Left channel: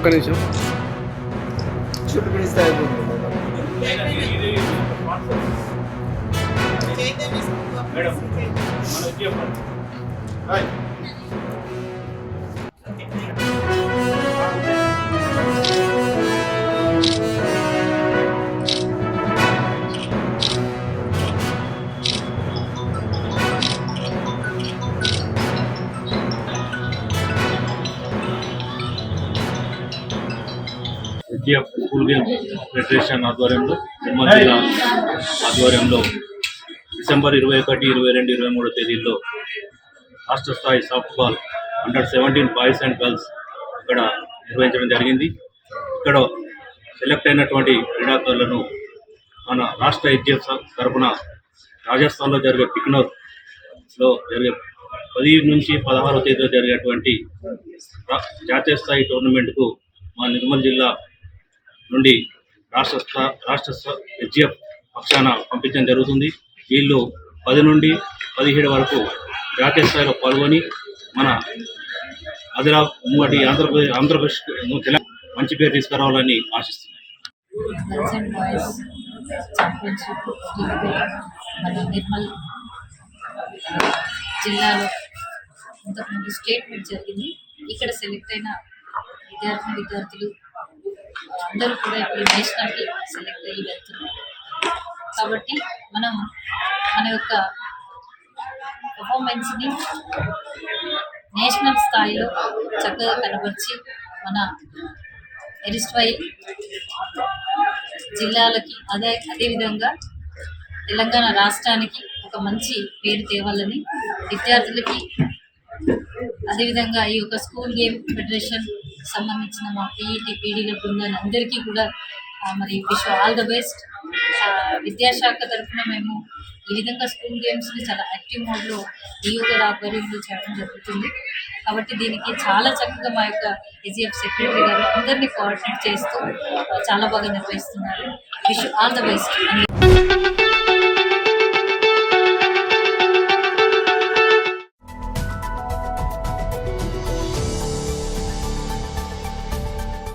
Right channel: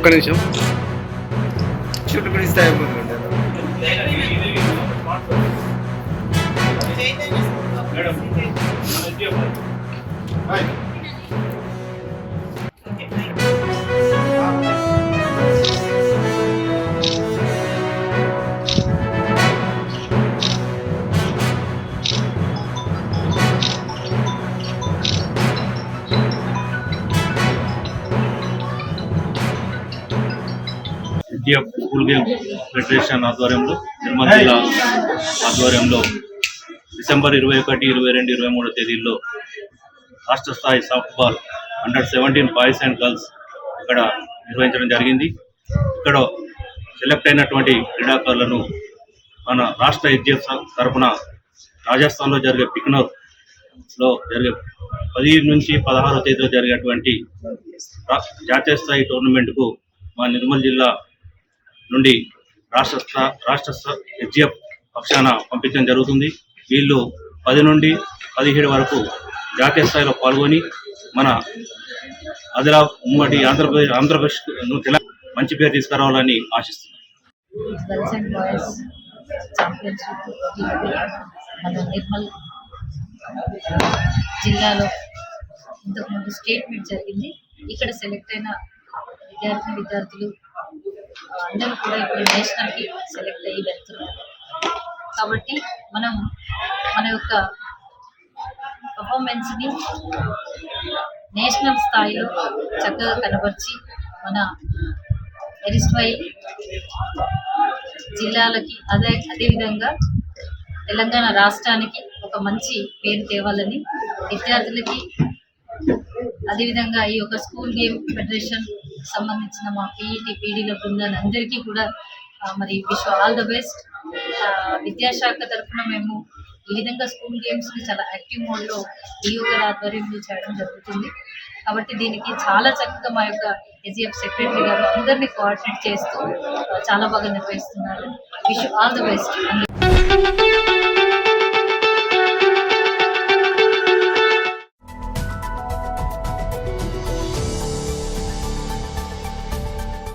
ఒక్క నిమిషం చుట్టుకునిస్తే అయిపోతుంది స్కూల్ గేమ్ ఫెడరేషన్ ఆధ్వర్యంలో నిర్మల్ జిల్లా ఆధ్వర్యంలో డిసెంబర్ 21, 22, 23 తేదీల్లో రాష్ట్ర స్థాయి సాఫ్ట్బాల్ అండర్-17 బాయ్స్ అండ్ గర్ల్స్ ఇక్కడ నిర్వహించడం జరిగింది. ఇక్కడ సెలెక్ట్ అయినటువంటి క్రీడాకారులను మన రాష్ట్ర ఎస్జిఎఫ్ తరఫున రాజస్థాన్లో జరిగే బికనోర్లో జరిగే 10 నుంచి 16 తేదీలో జరిగేటువంటి జాతీయ స్థాయి టోర్నమెంట్కు మా నిర్మల్ జిల్లా నుండి రాష్ట్ర ఎస్జిఎఫ్ పక్షాన పంపించడం జరుగుతుంది. వీళ్ళు 10 నుండి 17 వరకు జాతీయ స్థాయిలో పాల్గొని మన ఉమ్మడి ఆంధ్రప్రదేశ్ మంచి పేరు తీసుకురావాలని ఆశిస్తున్నాను. గర్ల్స్ అండ్ బాయ్స్ ఛాంపియన్షిప్ మన నిర్మల్ జిల్లాలో ఇంతకుముందు స్టేట్ మీట్ జరిగింది. ఇక్కడ సెలెక్ట్ అయిన విద్యార్థులు అందరూ కూడా ఇప్పుడు నేషనల్కి సెలెక్ట్ అయ్యి వెళ్తున్నారు. కాబట్టి మనం మన యొక్క పర్ఫార్మెన్స్ని నేషనల్ స్థాయిలో చక్కగా కనబరిచి మన ఎరిస్ట్వైల్ జిల్లాలకి అదేవిధంగా తెలంగాణ రాష్ట్రానికి ఒక మంచి పేరు తేవాలని విద్యార్థులకి అదేవిధంగా ఈ యొక్క స్కూల్ గేమ్ ఫెడరేషన్ సంబంధించిన మా పీఈటీ/పీడీల బృందాన్ని అందరికీ కూడా మరి విష్ ఆల్ ద బెస్ట్. విద్యాశాఖ తరఫున మేము ఈ విధంగా స్కూల్ గేమ్స్ని చాలా యాక్టివ్ మోడ్లో ఈఓ గారి ఆధ్వర్యంలో చేయడం జరుగుతుంది. కాబట్టి దీనికి చాలా చక్కగా మా యొక్క ఎస్జిఎఫ్ సెక్రటరీ గారు అందరినీ కోఆర్డినేట్ చేస్తూ చాలా బాగా నిర్వహిస్తున్నారు. Wish all the best.